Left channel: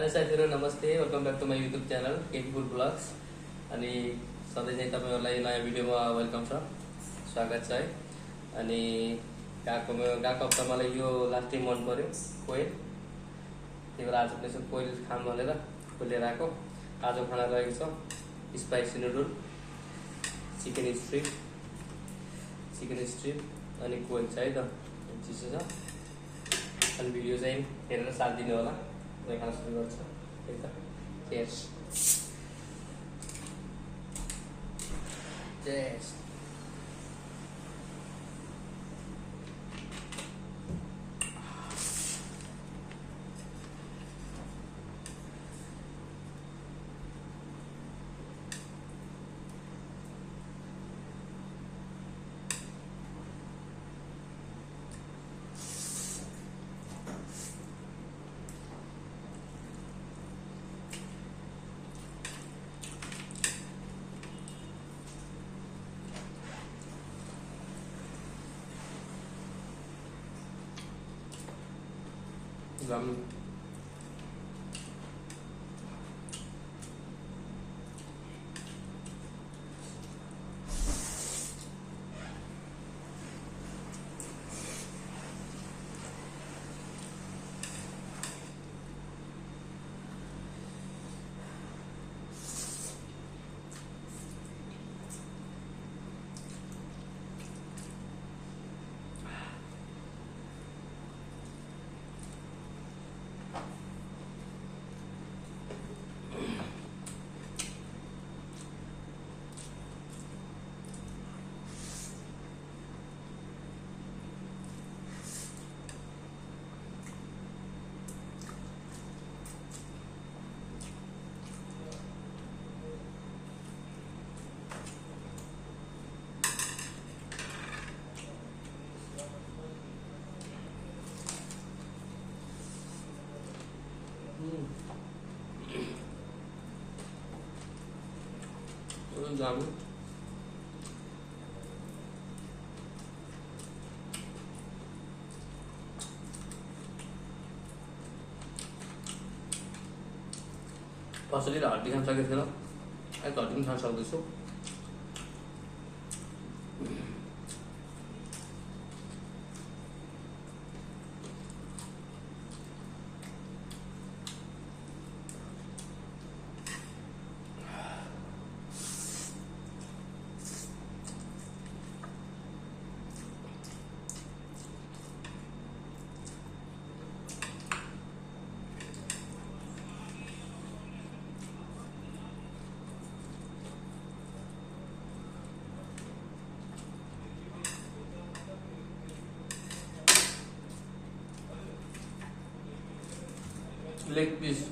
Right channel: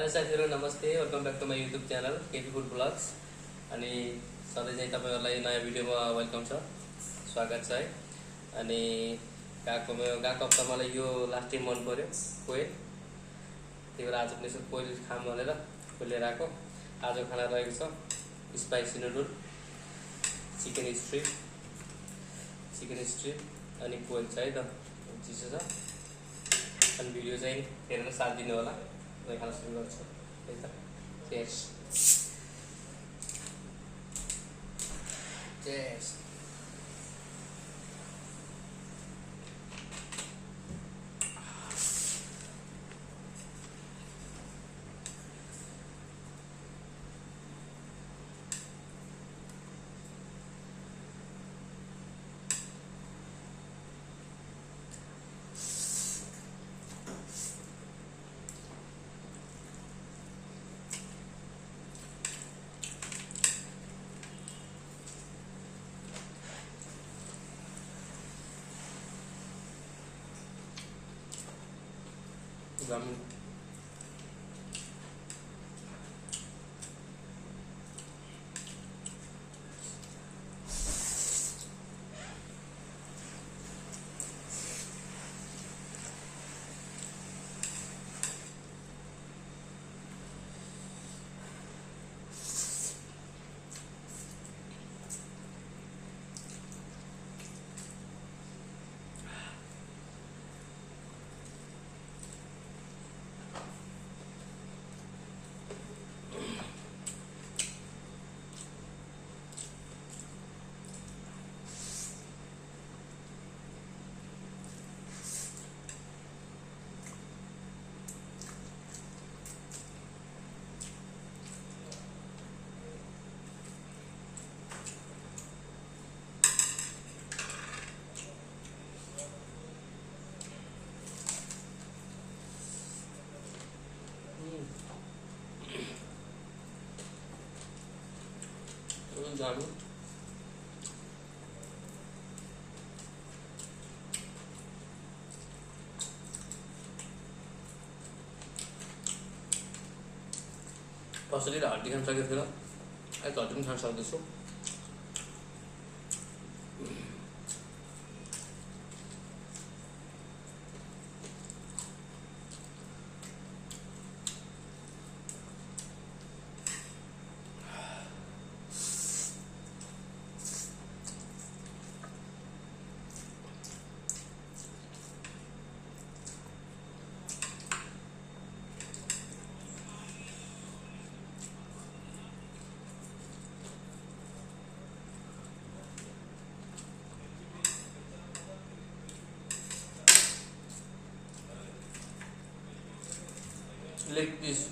Hello साथीहरु नमस्ते welcome back to my YouTube channel KP food blogs अनि सधैँ चाहिँ तपाईहरुलाई नयाँ भिडियोमा वेलकम छ स्वागत छ है। अनि गएको हप्ता मलाई यो लास्टै मन पर्यो कोयल, त्यही भएर आज पनि यसो कोयल खाम भनेर खोलेर आएको। आज खाना रहेको छ स्पाइसी नुडल, चिकन स्ट्रिप अनि कोयल छ है त, चिसो छ। अनि भिडियो चाहिँ हेरेर साथ दिनु होला। मैं खाना शुरू गर्छु है त। Chairs chairs. Ramen. Jamu. Pasal dia hati kan sakit kan? Saya tak cuma sakit itu. Leg piece.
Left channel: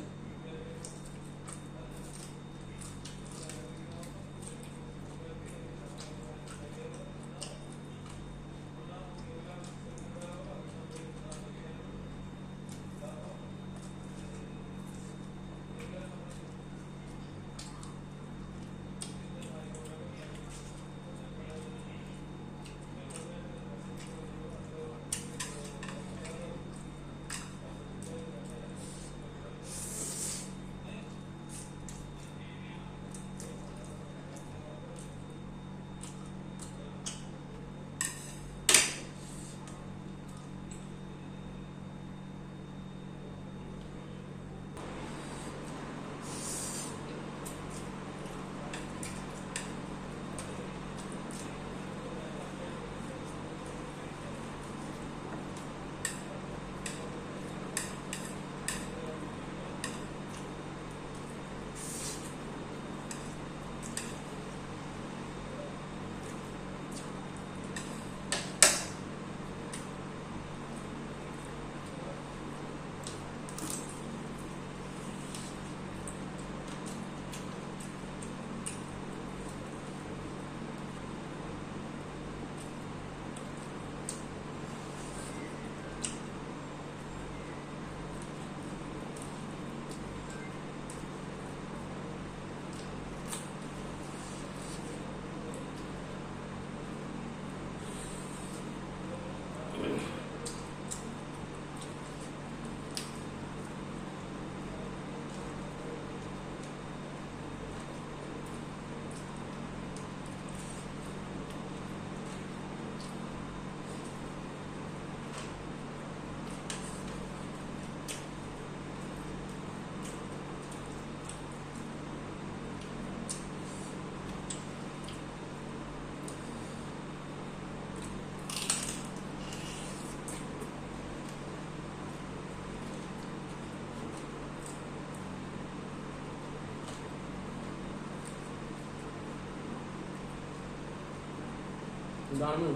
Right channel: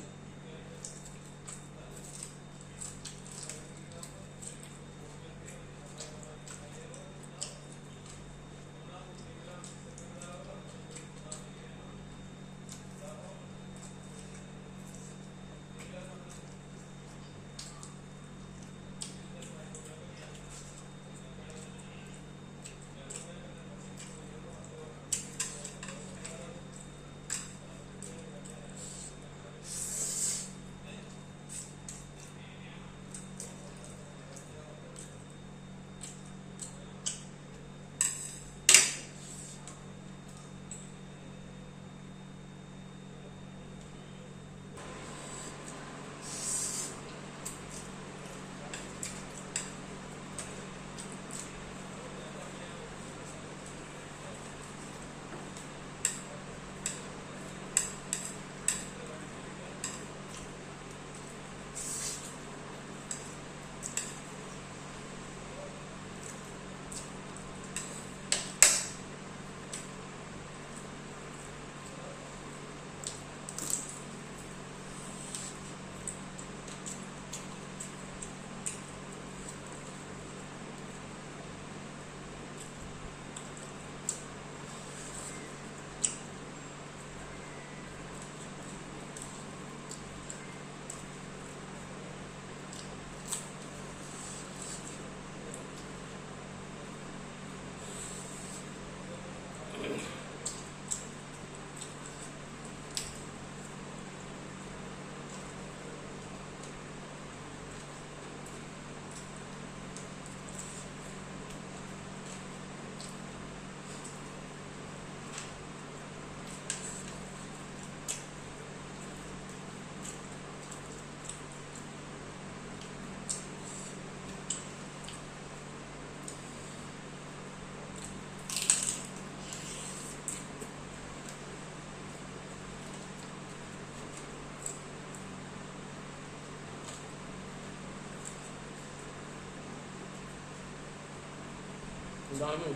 दामी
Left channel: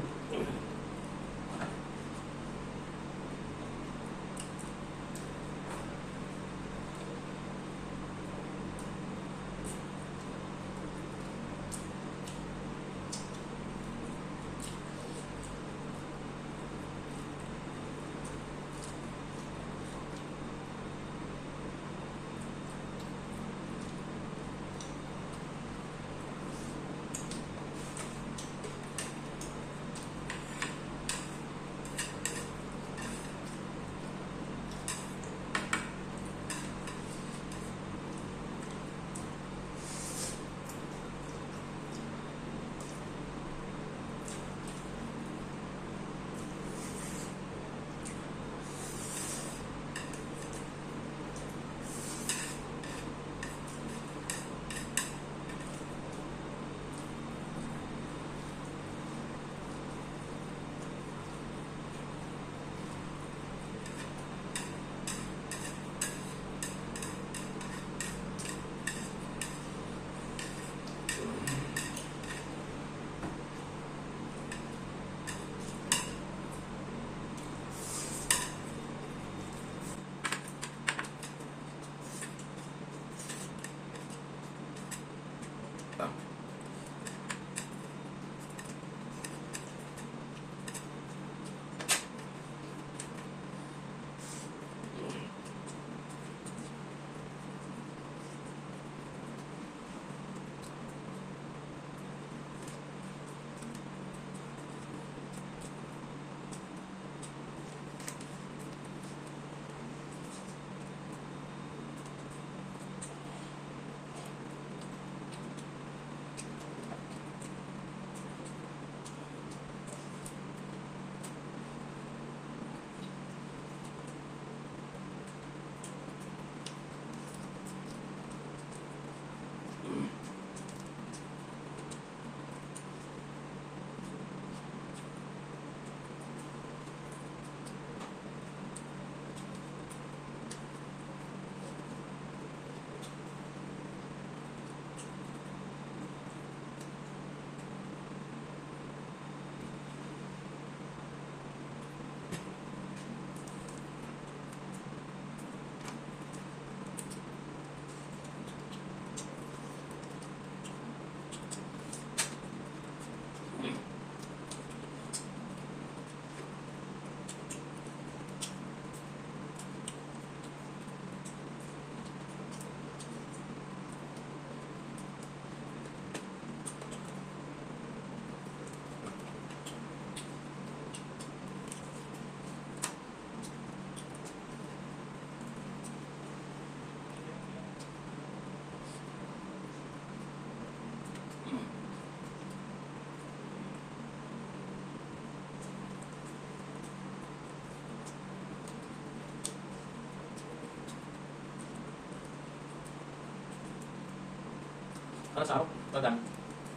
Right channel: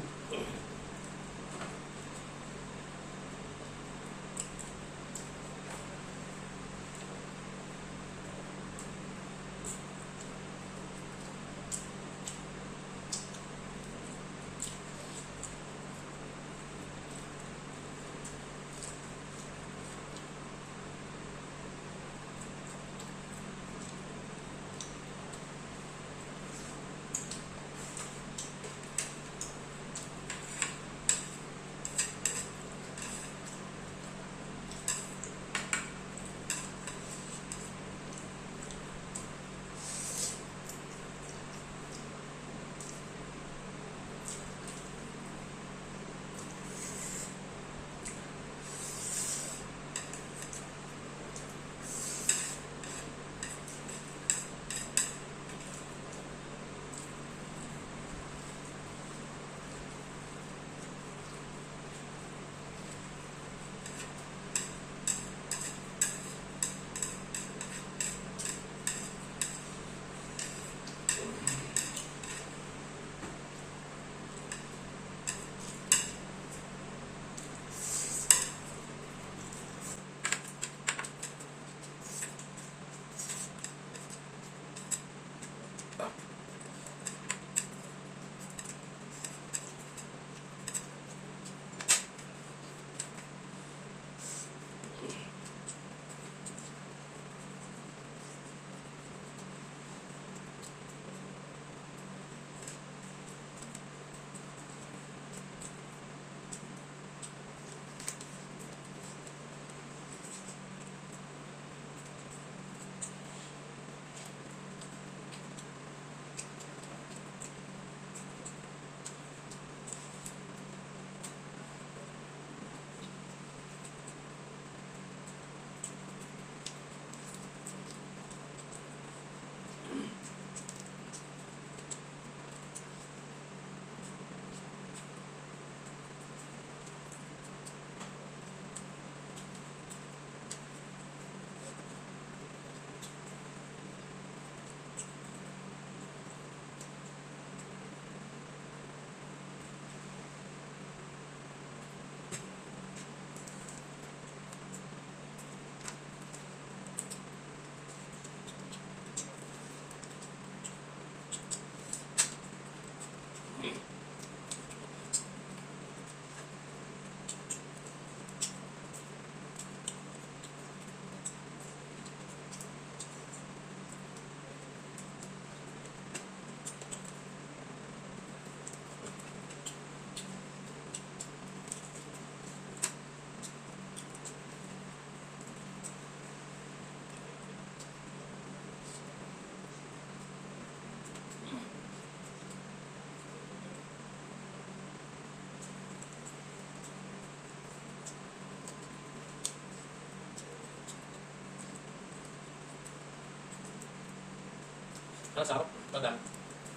Nó sao? Nó ngầm.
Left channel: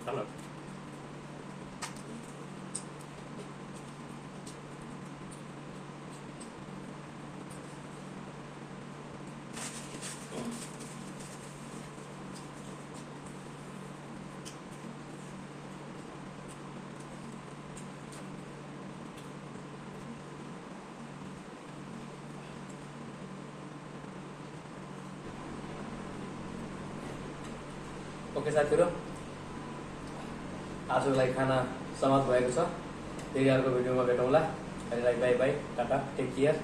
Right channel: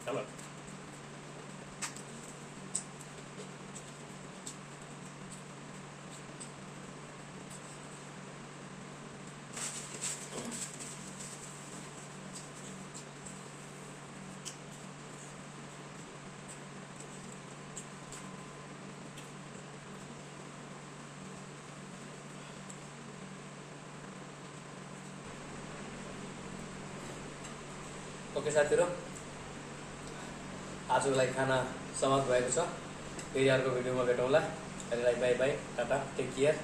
Đó rồi. Okay साथीहरु, आजको लागि खाना समाप्त भएको छ। फेरि अर्को भिडियोमा भेटौँला। अहिले bye bye, tata, take care.